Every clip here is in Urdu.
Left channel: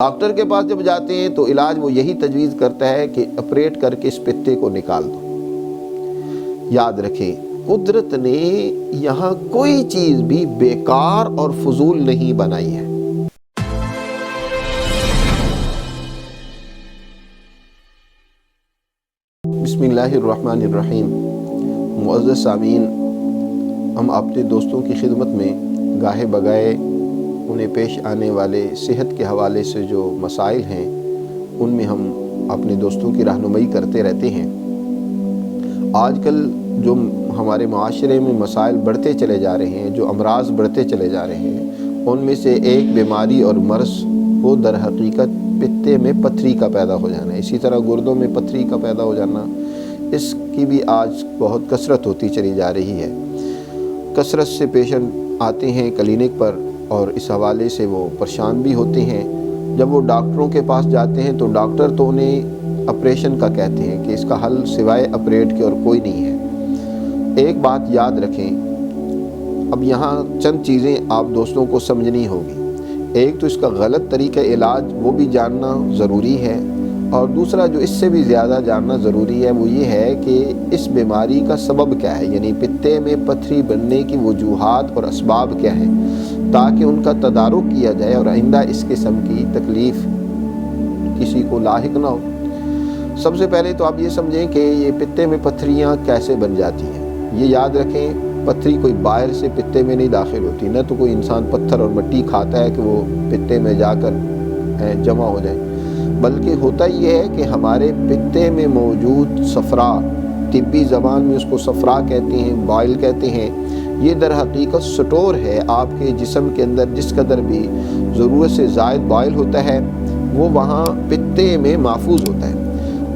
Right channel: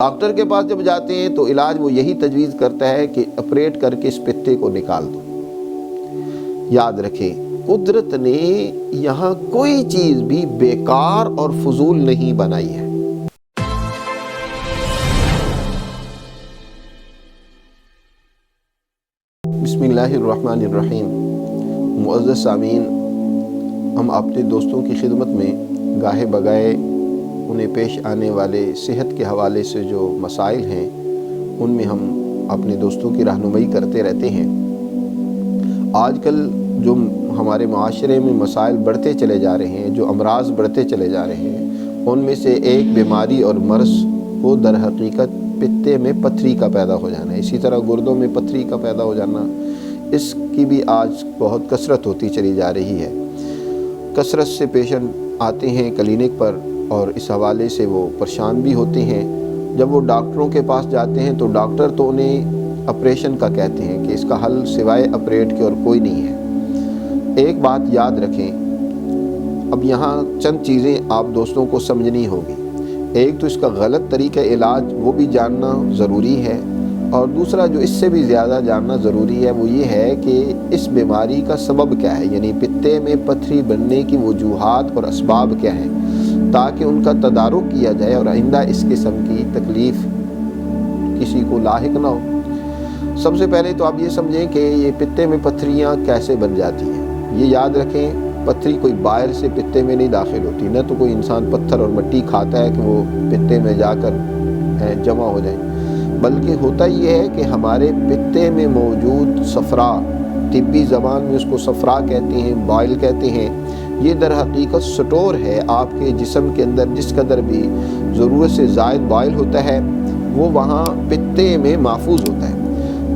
ڈاکٹر کے پاس جب جاتے ہیں تو علاج وہ یہی تجویز کرتا ہے کہ آپریٹ کر کے اس پتے کو نکال دو۔ یاد رکھیں، قدرت نے یہاں کوئی چیز بھی بیکار اور فضول نہیں بنائی ہے۔ بسم اللہ الرحمن الرحیم۔ معزز سامعین، ہم اپنے دوستوں کی خدمت میں گاہے بگائے انہیں پیش آنے والے صحت کے حوالے سے جو مسائل ہیں ان میں ہم اپنے دوستوں کی رہنمائی کرتے رہتے ہیں۔ آج کل جو ہمارے معاشرے میں مسائل بڑھتے چلے جا رہے ہیں، جو امراض بڑھتے چلے جا رہے ہیں، ان میں سے ایک بیماری اور مرض وہ در حقیقت پتے میں پتھری کا پیدا ہو جانا ہے۔ اسی طرح گردوں میں پتھری کا پیدا ہو جانا، اس کی بھی آج بہت کثرت ہوتی چلی جا رہی ہے۔ کثرت سے پیشنٹ آتے ہیں کلینک پر اور اس حوالے سے وہ پریشان بھی ہوتے ہیں۔ جب وہ ڈاکٹروں کے پاس جاتے ہیں تو ڈاکٹر تو انہیں آپریشن کا کہتے ہیں کہ اس کا حل سوائے آپریٹ کے اور کوئی نہیں ہے۔ ایک بات یاد رکھیں، اب یہاں چند چیزیں آپ دوستوں کو سمجھنی ہوگی۔ ایک تو اس کا غلط طریقہ علاج وہ بھی جاننا ضروری ہے، اور دوسرا جو اس سے بھی زیادہ جاننا ضروری ہے وہ یہ ہے کہ اس بیماری کا سبب کیا ہے، یعنی پتے میں پتھری بننے کی وجوہات اور اسباب کیا ہیں، تاکہ ان کا تدارک کیا جائے اور آئندہ اس قسم کی تکلیف کسی کو لاحق نہ ہو۔ سب سے پہلے تو آپ یہ سمجھیں کہ یہ پتے میں پتھریاں کیسے بن جاتی ہیں۔ یہ یاد رکھیں، پتھری کوئی باہر سے پتے میں نہیں داخل ہوتی، نہ تو کوئی انسان پتھر اور مٹی کھاتا ہے کہ وہ پتے میں جا کر جمع ہو جائیں، بلکہ ہوتا یہ ہے کہ ہمارے پتے میں موجود صفرا، طبی زبان میں اس کو صفرا کہتے ہیں، بائل کہتے ہیں، یہ در حقیقت سٹور ہے آپ کے جسم کے اندر۔ جس قدر بھی ضرورت سے زائد بائل ہوتا ہے وہ وہاں پتے میں محفوظ ہوتا ہے،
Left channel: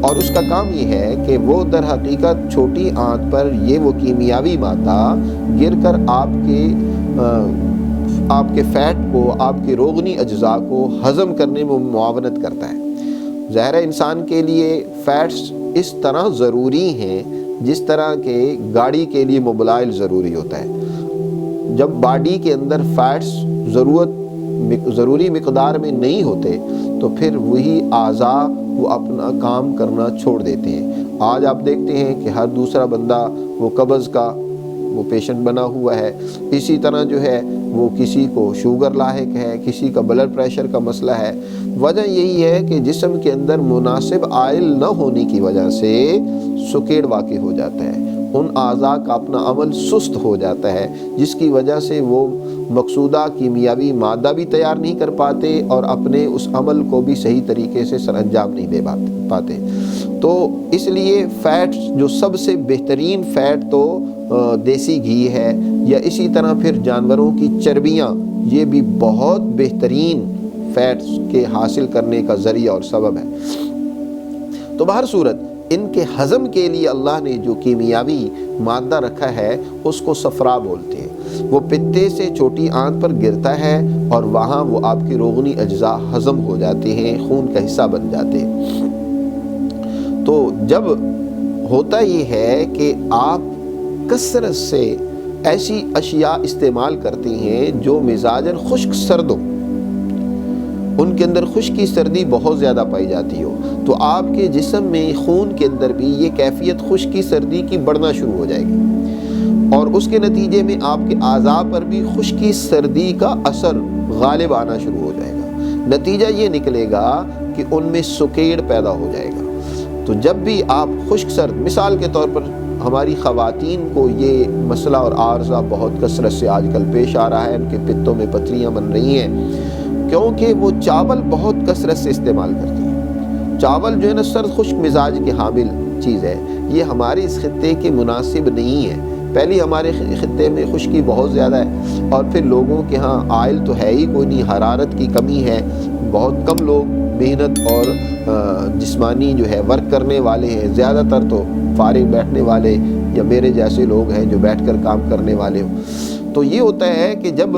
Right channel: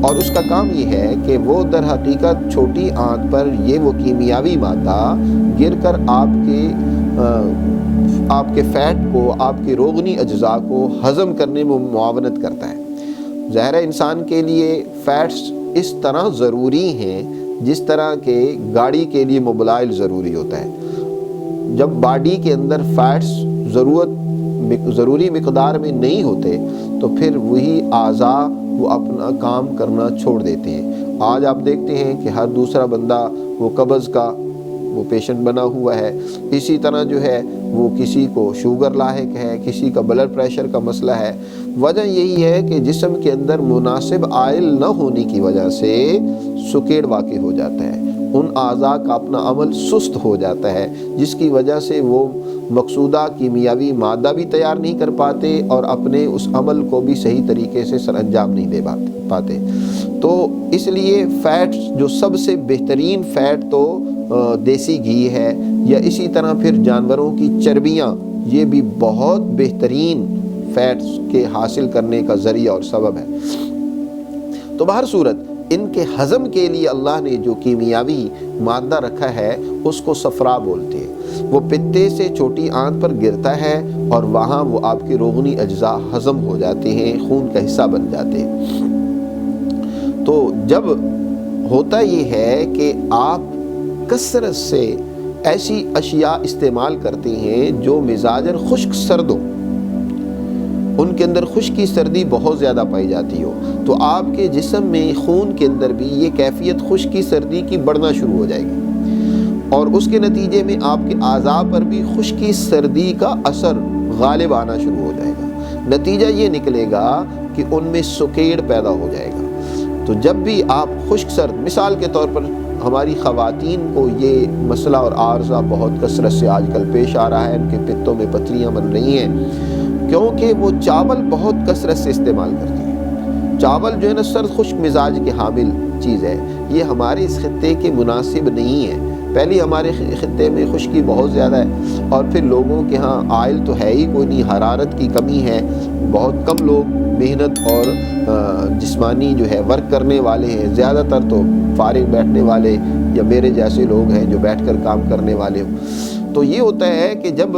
اور اس کا کام یہ ہے کہ وہ در حقیقت چھوٹی آنت پر یہ وہ کیمیاوی مادہ گر کر آپ کے فیٹ کو، آپ کے روغنی اجزاء کو ہضم کرنے میں معاونت کرتا ہے۔ ظاہر ہے انسان کے لیے فیٹس اس طرح ضروری ہیں جس طرح کہ گاڑی کے لیے موبلائل ضروری ہوتا ہے۔ جب باڈی کے اندر فیٹس ضروری مقدار میں نہیں ہوتے تو پھر وہی اعضاء وہ اپنا کام کرنا چھوڑ دیتے ہیں۔ آج آپ دیکھتے ہیں کہ ہر دوسرا بندہ وہ قبض کا وہ پیشنٹ بنا ہوا ہے، اسی طرح جو ہے وہ کسی کو شوگر لاحق ہے، کسی کا بلڈ پریشر کا مسئلہ ہے۔ وجہ یہی ہے کہ جسم کے اندر مناسب آئل نہ ہونے کی وجہ سے سکیڑ واقع ہو جاتا ہے، ان اعضاء کا اپنا عمل سست ہو جاتا ہے، جس کی وجہ سے وہ مقصودہ کیمیاوی مادہ بھی تیار نہیں کر پاتے اور اپنے اس عمل کو بھی صحیح طریقے سے سر انجام نہیں دے پاتے۔ تو اس لیے فیٹ جو سب سے بہترین فیٹ تو دیسی گھی ہے، یا اسی طرح پھر جانوروں کی چربیاں، یہ بھی بہت بہترین فیٹس کے حاصل کرنے کا ذریعہ اور سبب ہے۔ تو بہر صورت ان کے ہضم کے لیے اللہ نے جو کیمیاوی مادہ رکھا ہے اس کو صفرا بولتے ہیں۔ وہ پتے سے چھوٹی آنت پر گرتا ہے اور وہاں وہ آپ کے روغنی اجزاء ہضم ہو جاتے ہیں، خون کا حصہ بن جاتے ہیں۔ تو جب ہوتا یہ ہے کہ آپ کثرت سے ایسی اشیاء استعمال کرتے ہیں جو مزاجاً خشک سرد ہو، ان کے اندر خشکی سردی بہت زیادہ پائی جاتی ہو، تو آپ کے جسم میں خون کے اندر بھی یہ کیفیت خشکی سردی کی بڑھنا شروع ہو جائے گی، اور اس کے نتیجے میں آپ کے اعضاء پر بھی خشکی سردی کا اثر غالب آنا شروع ہو جائے گا۔ نتیجہ یہ نکلے گا کہ ان میں سکیڑ پیدا ہو جائے گا۔ تو جب بھی آپ خشک سرد، مثال کے طور پر ہماری خواتین کو یہ مسئلہ اور عارضہ بہت کثرت سے آج کل پیش آ رہا ہے، ان کے پتوں میں پتھریاں بن رہی ہیں، کیونکہ وہ چاول بہت کثرت سے استعمال کرتی ہیں۔ چاول جو ہے نا سرد خشک مزاج کے حامل چیز ہے، یہ ہمارے اس خطے کے مناسب نہیں ہے۔ پہلی ہمارے خطے میں خشکی بہت زیادہ ہے، اور پھر لوگوں کے ہاں آئل تو ہے ہی کوئی نہیں، حرارت کی کمی ہے، بہت کم لوگ محنت اور جسمانی جو ہے ورک کرنے والے ہیں، زیادہ تر تو فارغ بیٹھنے والے یا میرے جیسے لوگ ہیں جو بیٹھ کر کام کرنے والے ہوں۔ تو یہ ہوتا ہے کہ جب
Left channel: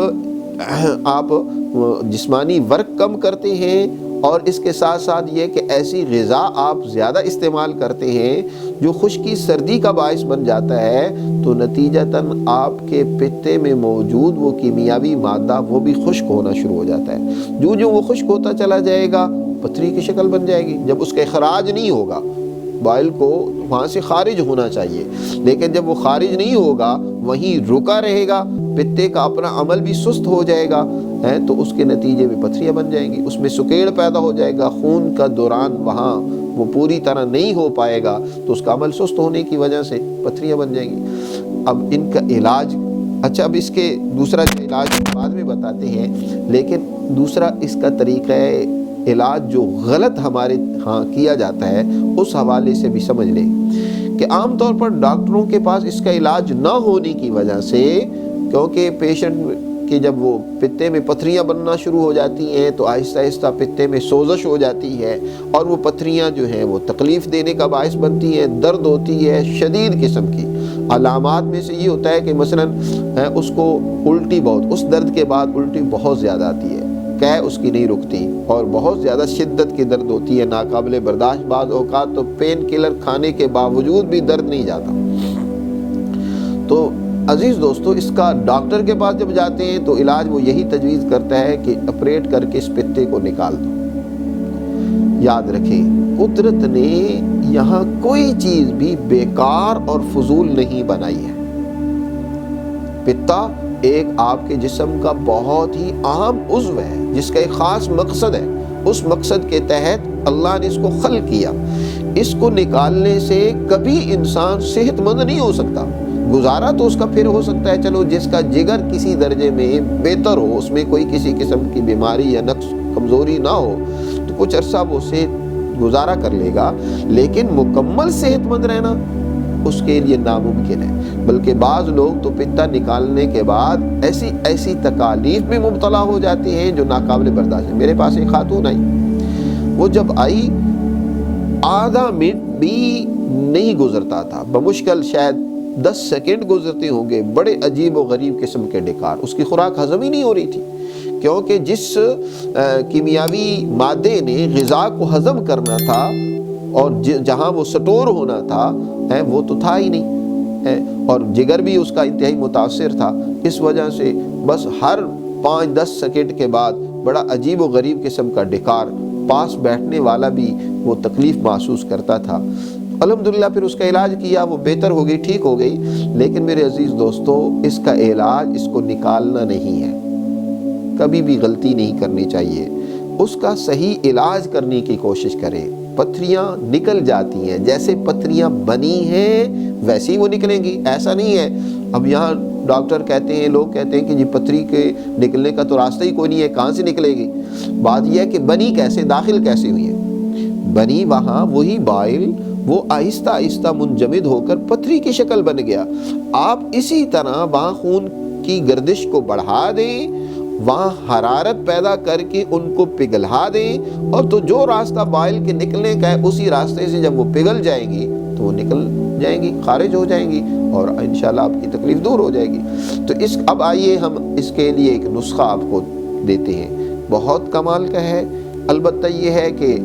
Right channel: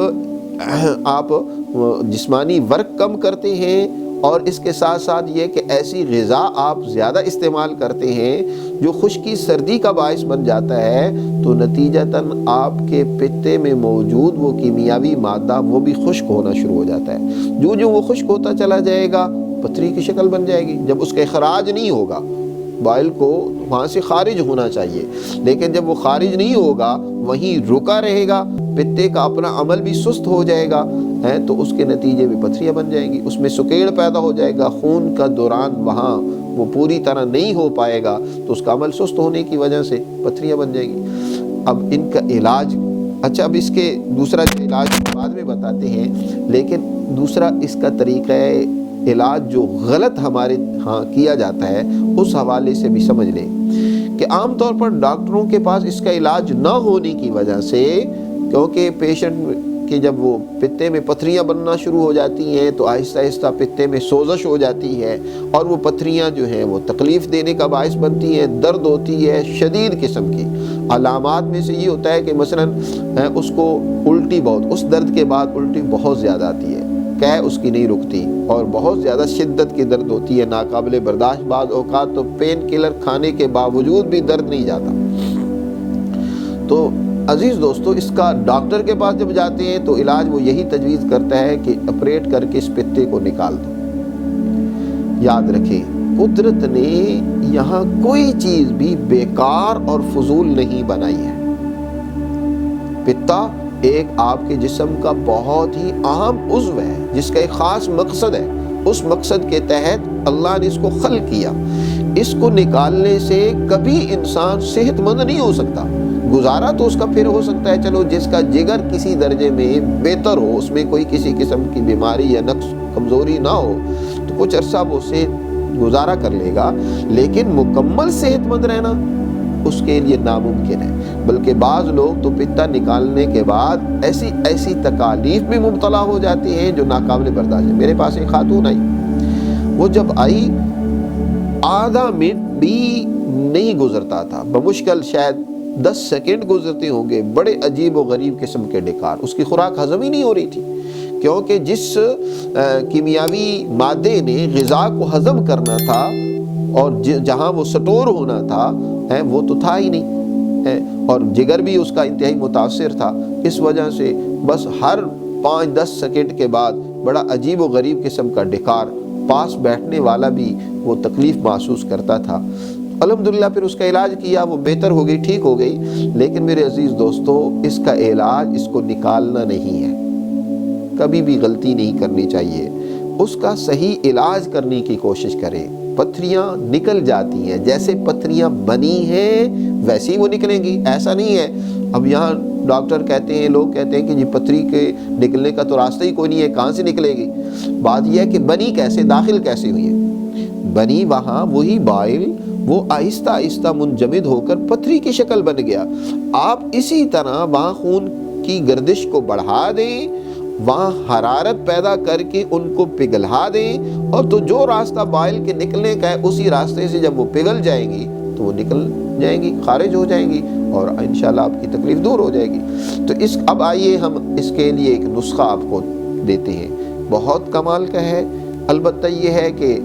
آپ جسمانی ورک کم کرتے ہیں، اور اس کے ساتھ ساتھ یہ کہ ایسی غذا آپ زیادہ استعمال کرتے ہیں جو خشکی سردی کا باعث بن جاتا ہے، تو نتیجتاً آپ کے پتے میں موجود وہ کیمیاوی مادہ وہ بھی خشک ہونا شروع ہو جاتا ہے۔ جو وہ خشک ہوتا چلا جائے گا پتھری کی شکل بن جائے گی۔ جب اس کا اخراج نہیں ہوگا، بائل کو وہاں سے خارج ہونا چاہیے، لیکن جب وہ خارج نہیں ہوگا وہیں رکا رہے گا، پتے کا اپنا عمل بھی سست ہو جائے گا، تو اس کے نتیجے میں پتھریاں بن جائیں گی، اس میں سکیڑ پیدا ہو جائے گا، خون کا دوران وہاں وہ پوری طرح نہیں ہو پائے گا، تو اس کا عمل سست ہونے کی وجہ سے پتھریاں بن جائیں گی۔ اب ان کا علاج، اچھا اب اس کے دوسرا جو علاج بعد میں بتاتے ہیں، لیکن دوسرا اس کا طریقہ علاج جو غلط ہمارے ہاں کیا جاتا ہے اس حوالے سے بھی سمجھ لیں کہ عام طور پر ڈاکٹروں کے پاس اس کا علاج نہ ہونے کی وجہ سے، کیونکہ پیشنٹ کہ جب وہ پتے میں پتھریاں بننا شروع ہو جاتی ہیں تو آہستہ آہستہ پتے میں سوزش ہو جاتی ہے، اور وہ پتھریاں جو ہیں وہ تکلیف دینے کا باعث بنتی ہیں، درد ہوتی ہے شدید قسم کی۔ علامات میں سے یہ ہوتا ہے کہ مثلا اس کو الٹی بہت، اس درد کے بعد الٹی بہت زیادہ آتی ہے، قے اس کی نہیں رکتی، اور بہت زیادہ شدت کی درد ہوتی ہے، ناقابل برداشت، بعض اوقات تو پین کلر کھانے کے باوجود بھی درد نہیں جاتا۔ تو عزیز دوستو، اس کا ڈاکٹر کے پاس جب جاتے ہیں تو علاج وہ یہی تجویز کرتا ہے کہ آپریٹ کر کے اس پتے کو نکال دو۔ یاد رکھیں، قدرت نے یہاں کوئی چیز بھی بیکار اور فضول نہیں بنائی ہے۔ پتا ایک آپ کے جسم کا بہت ہی اہم عضو ہے جس کا ایک خاص مقصد ہے، اس مقصد کے تحت اللہ نے اس کو خلق کیا۔ اس کو نکالنے سے کبھی انسان صحت مند نہیں ہو سکتا۔ گزارا تو اس کا پھر ہو سکتا ہے، چلو جس کا جگر کسی درجے میں بہتر ہو، اس میں کوئی کسی قسم کی بیماری یا نقص کمزوری نہ ہو، تو کچھ عرصہ وہ صحت گزارا کر لے گا، لیکن مکمل صحت مند رہنا اس کے لیے ناممکن ہے۔ بلکہ بعض لوگ تو پتا نکالنے کے بعد ایسی تکالیف میں مبتلا ہو جاتے ہیں جو ناقابل برداشت ہے۔ میرے پاس ایک خاتون آئی، وہ جب آئی آدھا منٹ بھی نہیں گزرتا تھا، بمشکل شاید 10 سیکنڈ گزرتے ہوں گے، بڑے عجیب و غریب قسم کے ڈکار، اس کی خوراک ہضم ہی نہیں ہو رہی تھی، کیونکہ جس کیمیاوی مادے نے غذا کو ہضم کرنا تھا اور جہاں وہ سٹور ہونا تھا وہ تو تھا ہی نہیں، اور جگر بھی اس کا انتہائی متاثر تھا۔ اس وجہ سے بس ہر 5-10 سیکنڈ کے بعد بڑا عجیب و غریب قسم کا ڈکار، پاس بیٹھنے والا بھی وہ تکلیف محسوس کرتا تھا۔ الحمدللہ پھر اس کا علاج کیا، وہ بہتر ہو گئی، ٹھیک ہو گئی، لیکن میرے عزیز دوستو، اس کا علاج اس کو نکالنا نہیں ہے، کبھی بھی غلطی نہیں کرنی چاہیے، اس کا صحیح علاج کرنے کی کوشش کریں۔ پتھریاں نکل جاتی ہیں، جیسے پتھریاں بنی ہیں ویسی وہ نکلیں گی، ایسا نہیں ہے۔ اب یہاں ڈاکٹر کہتے ہیں، لوگ کہتے ہیں کہ جی پتھری کے نکلنے کا تو راستہ ہی کوئی نہیں ہے، کہاں سے نکلے گی؟ بات یہ ہے کہ بنی کیسے، داخل کیسے ہوئی ہے؟ بنی وہاں وہی بائل، وہ آہستہ آہستہ منجمد ہو کر پتھری کی شکل بن گیا۔ آپ اسی طرح وہاں خون کی گردش کو بڑھا دیں، وہاں حرارت پیدا کر کے ان کو پگھلا دیں، اور تو جو راستہ بائل کے نکلنے کا ہے اسی راستے سے جب وہ پگھل جائیں گی تو وہ نکل جائیں گی، خارج ہو جائیں گی، اور انشاءاللہ آپ کی تکلیف دور ہو جائے گی۔ تو اب آئیے ہم اس کے لیے ایک نسخہ آپ کو دیتے ہیں، بہت کمال کا ہے۔ البتہ یہ ہے کہ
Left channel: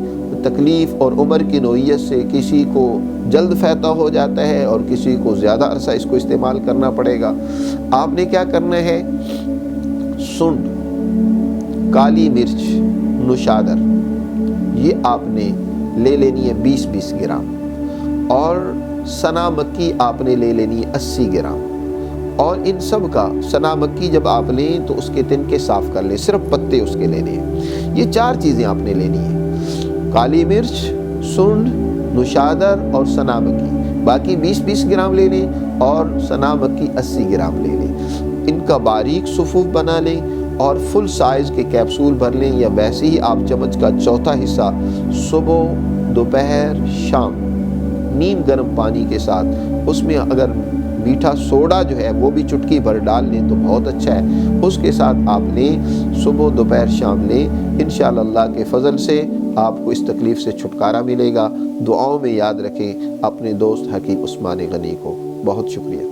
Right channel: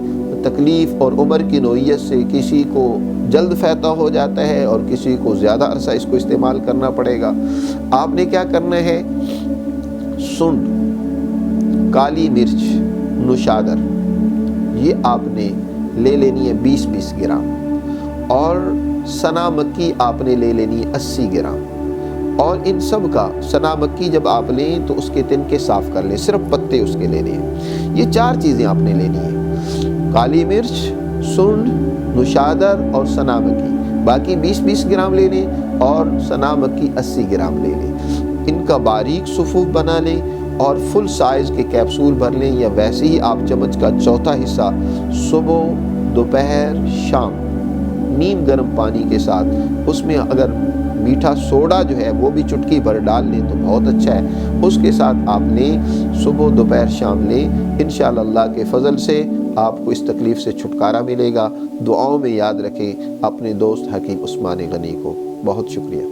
تکلیف اور عمر کی نوعیت سے کسی کو جلد فیتہ ہو جاتا ہے اور کسی کو زیادہ عرصہ اس کو استعمال کرنا پڑے گا۔ آپ نے کیا کرنا ہے، سنڈ، کالی مرچ، نوشادر، یہ آپ نے لے لینی ہے 20-20 گرام، اور سنا مکی آپ نے لے لینی ہے 80 گرام، اور ان سب کا سنا مکی جب آپ لیں تو اس کے تنکے صاف کر لیں، صرف پتے اس کے لینے ہیں۔ یہ 4 چیزیں آپ نے لینی ہیں، کالی مرچ، سنڈ، نوشادر اور سنا مکی، باقی 20-20 گرام لے لیں، اور سنا مکی 80 گرام لے لیں۔ ان کا باریک صفوف بنا لیں اور فل سائز کے کیپسول بھر لیں، یا ویسے ہی آپ چمچ کا چوتھا حصہ صبح، دوپہر، شام نیم گرم پانی کے ساتھ، اس میں اگر میٹھا سوڈا جو ہے وہ بھی چٹکی بھر ڈال لیں تو بہت اچھا ہے، اس کے ساتھ آپ لیں، صبح دوپہر شام لیں، انشاءاللہ اللہ کے فضل سے آپ کو اس تکلیف سے چھٹکارا ملے گا۔ دعاؤں میں یاد رکھیں اپنے دوست حکیم عثمان غنی کو۔ بہت شکریہ۔